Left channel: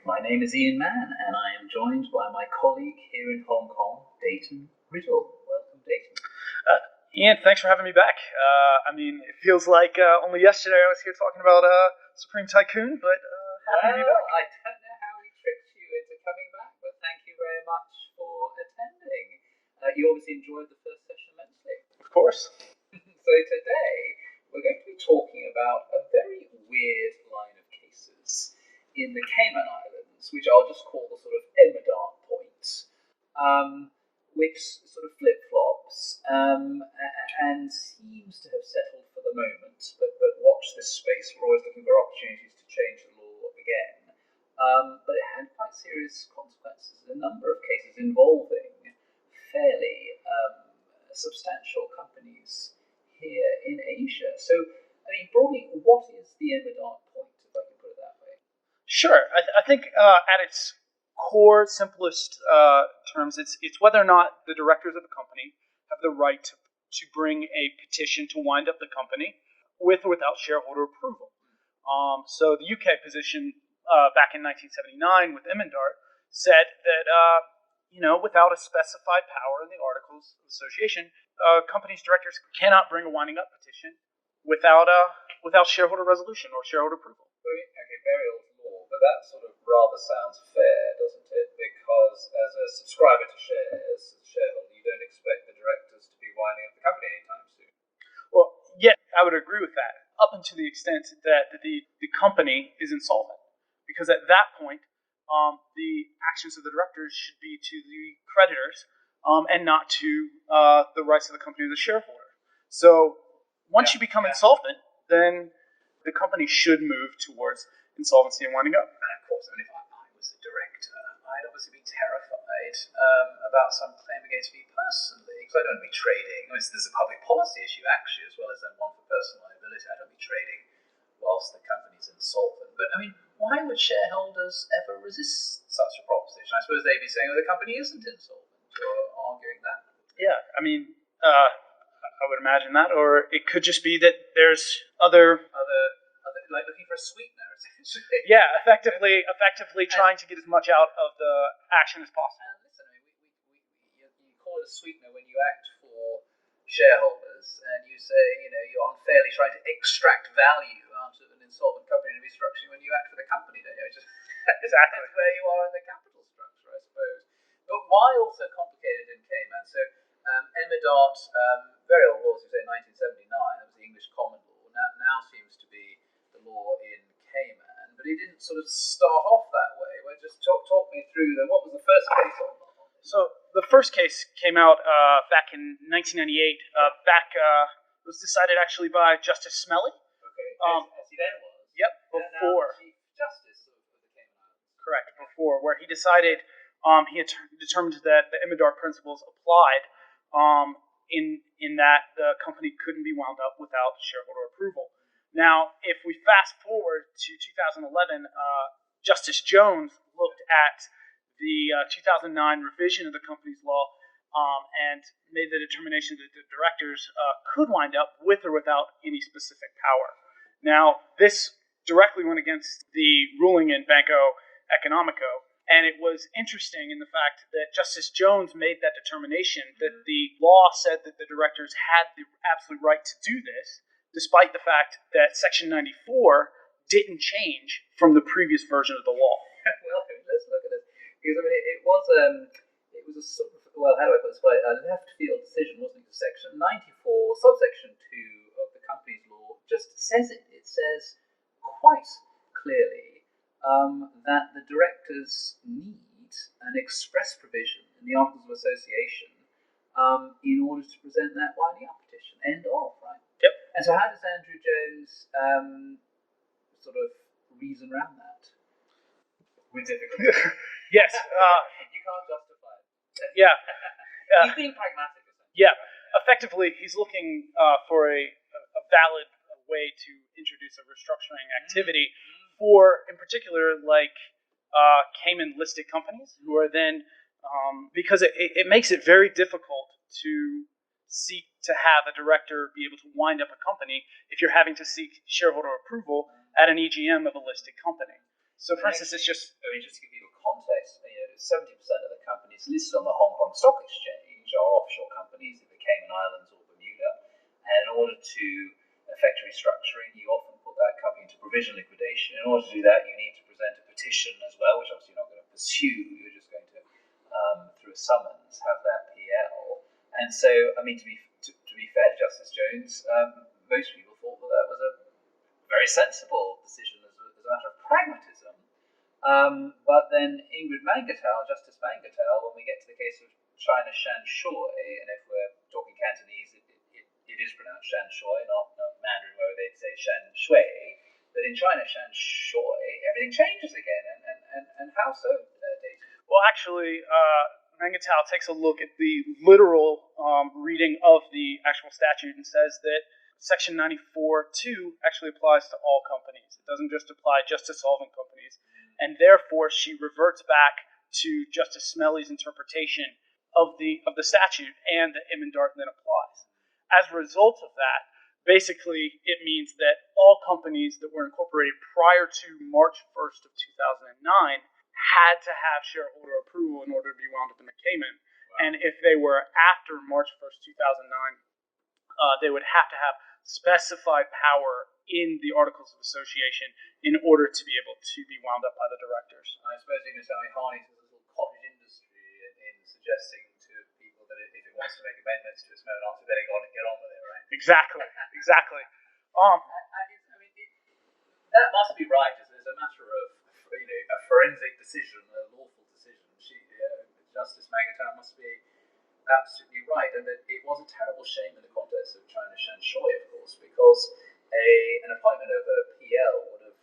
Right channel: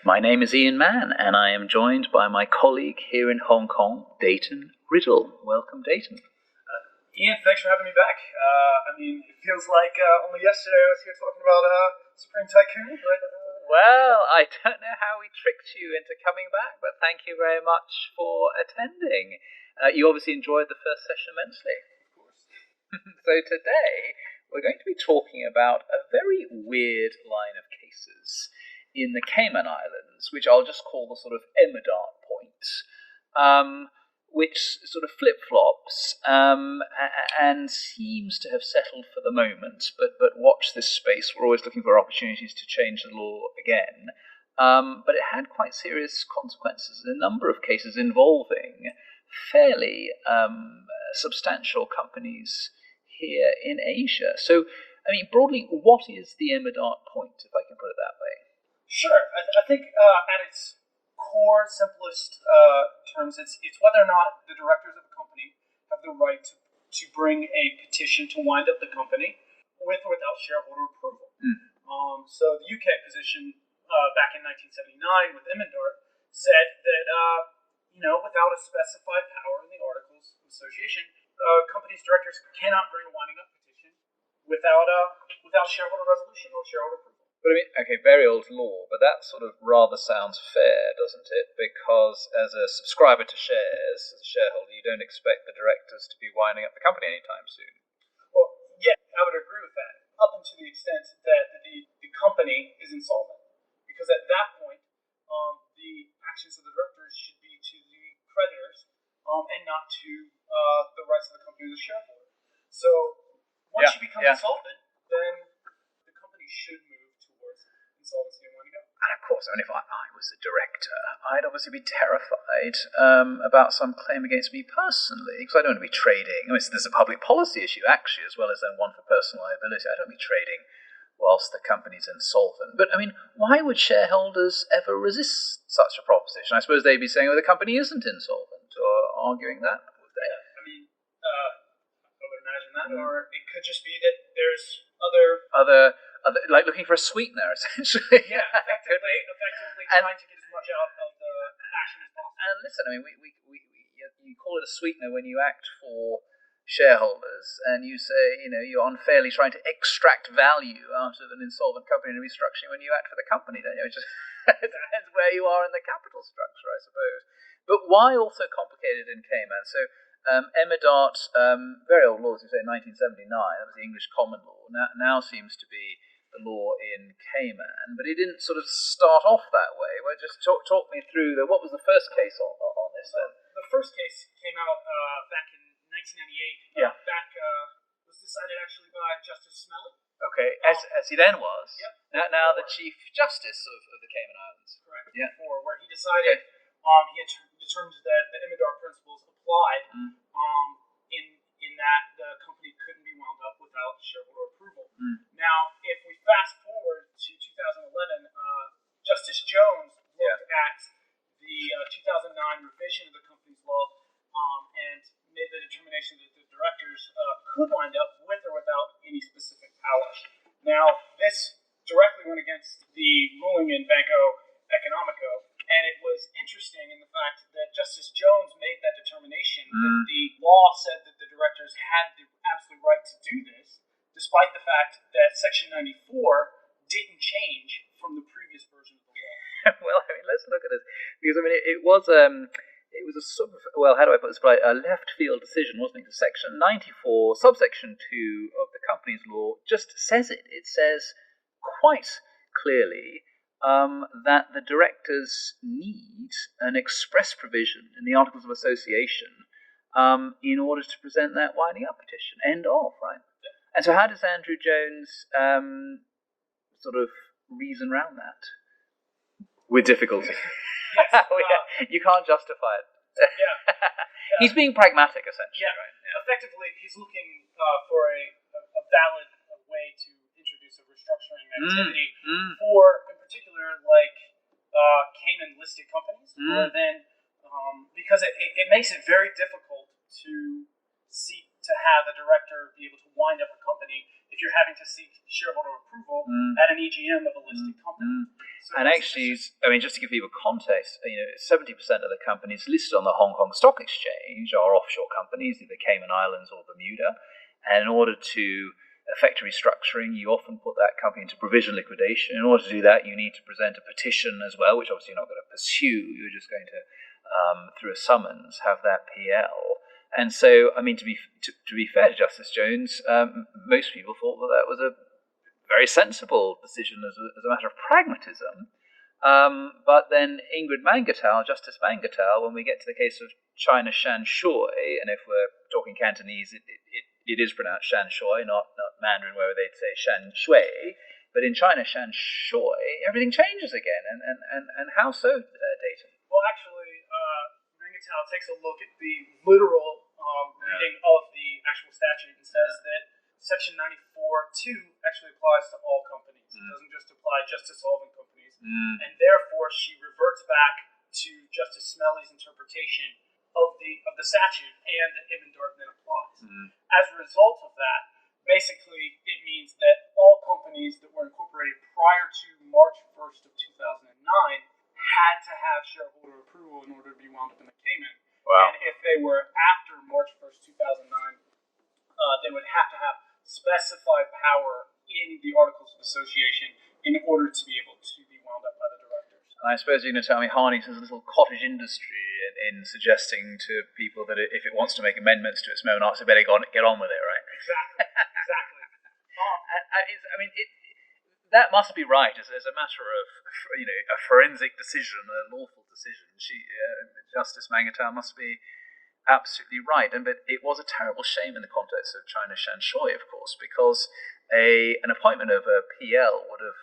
My name is Ian Mann, and I am joined by my colleague here in Hong Kong, Dayton Riddle. Welcome, Dayton. Ian, thanks for having me back. It feels like only yesterday I was here talking about Supreme Tycoon, but... I don't know how we tricked you into coming back, but thank you very much for attending. You obviously enjoyed the first session immensely. Of course. So today, we're going to be talking about a very weird line of cases in the Cayman Islands, which I'll just call the sort of Emmadart point, which sort of flip-flops and seems to have settled for the moment, but watch this space. We're always looking for opportunities to change the law again. But it had quite serious consequences in a number of cases involving fairly substantial companies here in Asia. So, broadly, what is the Emmadart point, if I can put it that way? Sure. I think at its core, simplest terms, it's whether or not the directors of the company have the right to bring a petition to wind up the company with or without shareholder approval. So the UK position back in 1979 with Emmadart said that, without a specified power in the Articles of Association, a company's directors cannot bring a winding up petition without shareholder resolution or shareholder approval. But very old law, but that sort of rather sounds fair, doesn't it? Because as a subscriber to shares, as a shareholder, you don't expect the directors to be winding up the company anytime soon. Well, yeah, I would agree with that, up until the extent that the company is insolvent. Because at that point, the actions of the directors should be to the creditors and not to the rights of the company as a shareholder. So once you become insolvent, then the company should move towards insolvency and winding up. And of course, if I was a director, I'd obviously be terrified about some claim against me personally, because I don't want to be trading. There's a public policy issue, actually, as well as then one for personal liability. I don't want to be trading whilst the company's insolvent. But, why would shareholders ever resist such a proposition? I suppose they'd be saying, the company isn't insolvent, or arguing that. Yeah, I would imagine that, or it could just be that there's other like looking for a sweetener, essentially. Yeah, effectively trying to get as much out of the action as possible. And listen, you call it a sweetener when you act for shareholders, and you say, you're unfairly trying to extract value out of an insolvent company in a restructuring when you act for the company, don't you? It's just that's where you are in the capital structure, I suppose. But why also complicated in Cayman? So Emmadart, very old law, as you say, 1979, that was the English common law, now seems to be the law in Cayman, but it didn't sort of start off that way. Well, just talk me through what was the first case on this? So the first case came out back in 1998. It was decided actually by Justice Smelly. Okay, as he then was. Yep. Now the Chief Justice of the Cayman Islands. Correct. Yeah. Where he decided he had determined that the Emmadart principles applied in that the company couldn't be wound up without shareholder approval. Now, if we fast forward to 2011, Justice Jones looked at the 2009 revision of the company's law and made the determination that the directors could wind up with or without any specific power. Now, this directly went against the ruling in Banco Economico, and it was interesting in the fact that Justice Jones made that determination that the law said that the directors had the absolute right to do this, despite the fact that Section 94 didn't change from the previous version of the law. Well, let's look at this, because it was a sort of, how do I put this? A left field decision, wasn't it? Section 94, subsection 2 of the company's law just says it. It says quite clearly that the directors need an express provision in the Articles of Association in order to present that winding up petition. End of, right? Yep. And so how does Andrew Jones sort of reason around that? With difficulty. Yes. You can't justify it. Yeah. He's being pragmatic, essentially. Yeah. Right? Effectively, he's looking for a valid way to introduce a restructuring activity for, in particular, Cayman listed companies, who are then because it makes it very difficult to seek to have a director be able to wind up a company if you're having to seek shareholder approval at an EGM of a listed company. So, and actually, just to give people context, 70% of the companies listed on the Hong Kong Stock Exchange are offshore companies, either Cayman Islands or Bermuda. And in order to effect a restructuring, you often put that company into provisional liquidation. In order to do that, you need to present a petition as well, which obviously you're not going to pursue. You're just going to, through a summons, have that PL. And so, to be fair to Justice Jones, most people thought that was a very sensible decision as a matter of pragmatism. But then Justice Mangatal, when we get to the case of China Shanshui, and if we're talking Cantonese, it is pronounced Shanshui, not Mandarin, where they'd say Shanshui. But in China Shanshui, everything changes again. And how so, Dayton? Well, actually, Mangatal takes a look at the literal reading of the actual statute and says that Section 94(2) actually applies to all companies. It doesn't just apply just to solvent companies. And therefore, she reverts back to Justice Smelly's interpretation of the statute, and the Emmadart then applies. As a result of that, basically, it means that all companies that were incorporated prior to March 1st of 2009 had to have shareholder approval in order to be wound up in the Cayman. Wow. And if they were after March 1st, 2009, they would have to have specified power in the Articles of Association in order to be able to be wound up by the directors. I suppose you're going to tell me Harney's has a little cottage industry in suggesting to people that if it wants to make amendments to its monarchs, it better get on with it, right? Exactly. That must be right as a matter of a forensic decision, a lawful decision. Justice Mangatal must be absolutely right, but it was a terrible shame in the context of China Shanshui, of course, because an appointment of a PL would have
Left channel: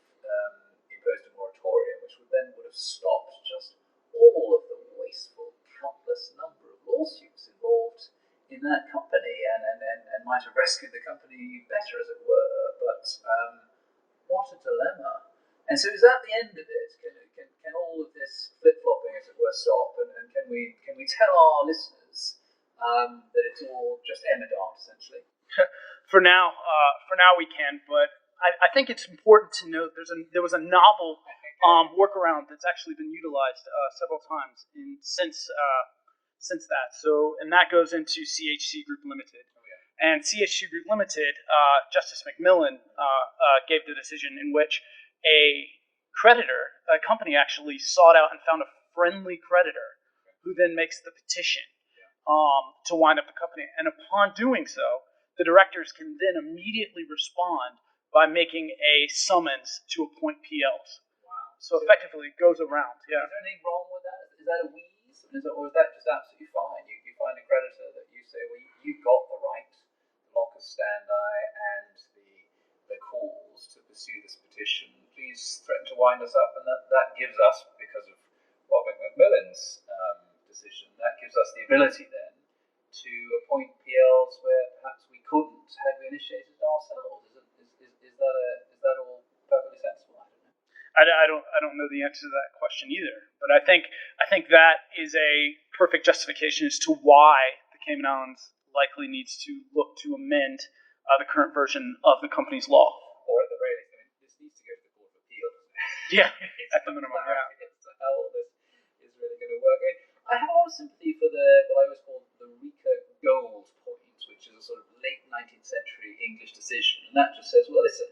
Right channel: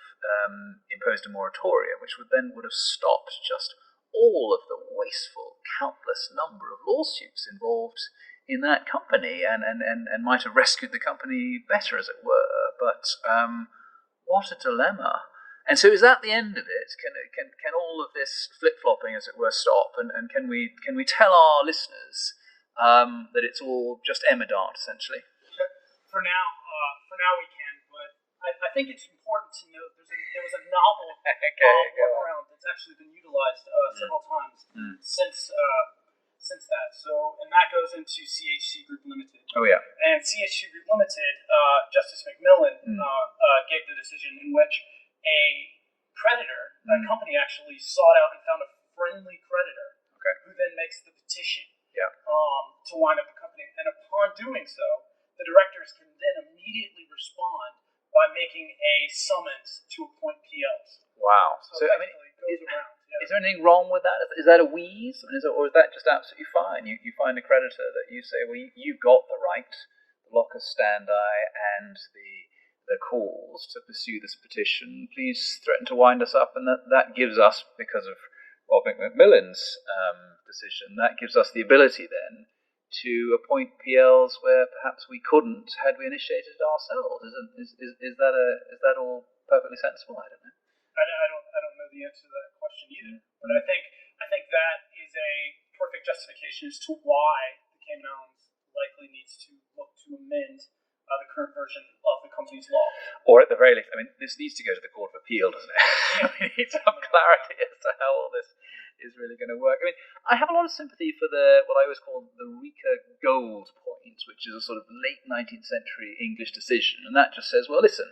imposed a moratorium, which would have stopped just all of the wasteful, countless number of lawsuits involved in that company, and might have rescued the company better, as it were. But what a dilemma! And so, is that the end of it? Can all of this flip flopping, as it were, stop? And can we tell our listeners that it's all just Emmadart, essentially? For now, we can. But I think it's important to note there was a novel workaround that's actually been utilized several times since that. So, and that goes into CHC Group Limited. Oh yeah. And CHC Group Limited, Justice McMillan gave the decision in which a creditor, a company actually sought out and found a friendly creditor, who then makes the petition to wind up the company. And upon doing so, the directors can then immediately respond by making a summons to appoint PLs. Wow. So effectively, it goes around. Yeah. Is there anything wrong with that? Is that a wheeze? Or is that just absolutely fine? You find a creditor that you say, well, you've got the right, the locus standi, and the cause to pursue this petition. Please threaten to wind us up, and that gives us, because of Robert McMillan's decision, that gives us the ability then to appoint PLs where perhaps we couldn't had we initiated it ourselves. Is that all perfectly sensible? I don't know. I don't know the answer to that question either, but I think that is a perfect justification as to why the Cayman Islands likely needs to look to amend the current version of the company's law. Or at the very least, this needs to go to the Court of Appeal, doesn't it? Yeah, we need some clarity as to how all this is really going to work. I have a lot of sympathy for what I always call the Rika Gold point, which is a sort of late 19th century English decision, and that just says, well, listen,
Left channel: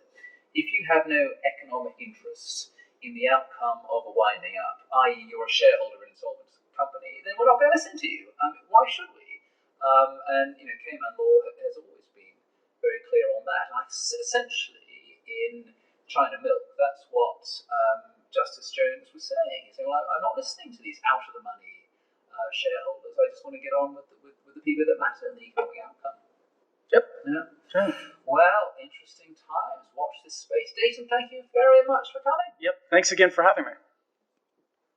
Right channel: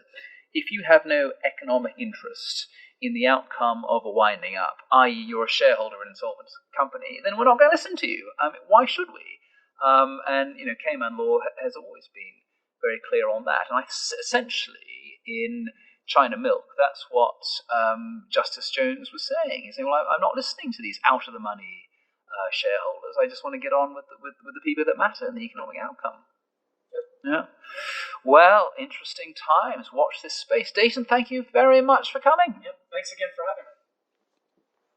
if you have no economic interest in the outcome of a winding up, i.e. you're a shareholder in an insolvent company, then we're not going to listen to you. Why should we? And Cayman law has always been very clear on that. And essentially, in China Milk, that's what Justice Jones was saying. He's saying, well, I'm not listening to these out-of-the-money shareholders. I just want to get on with the people that matter and the economic outcome. Yep. Yeah. Okay. Well, interesting times. Watch this space. Dayton, thank you very much for coming. Yep. Thanks again for having me.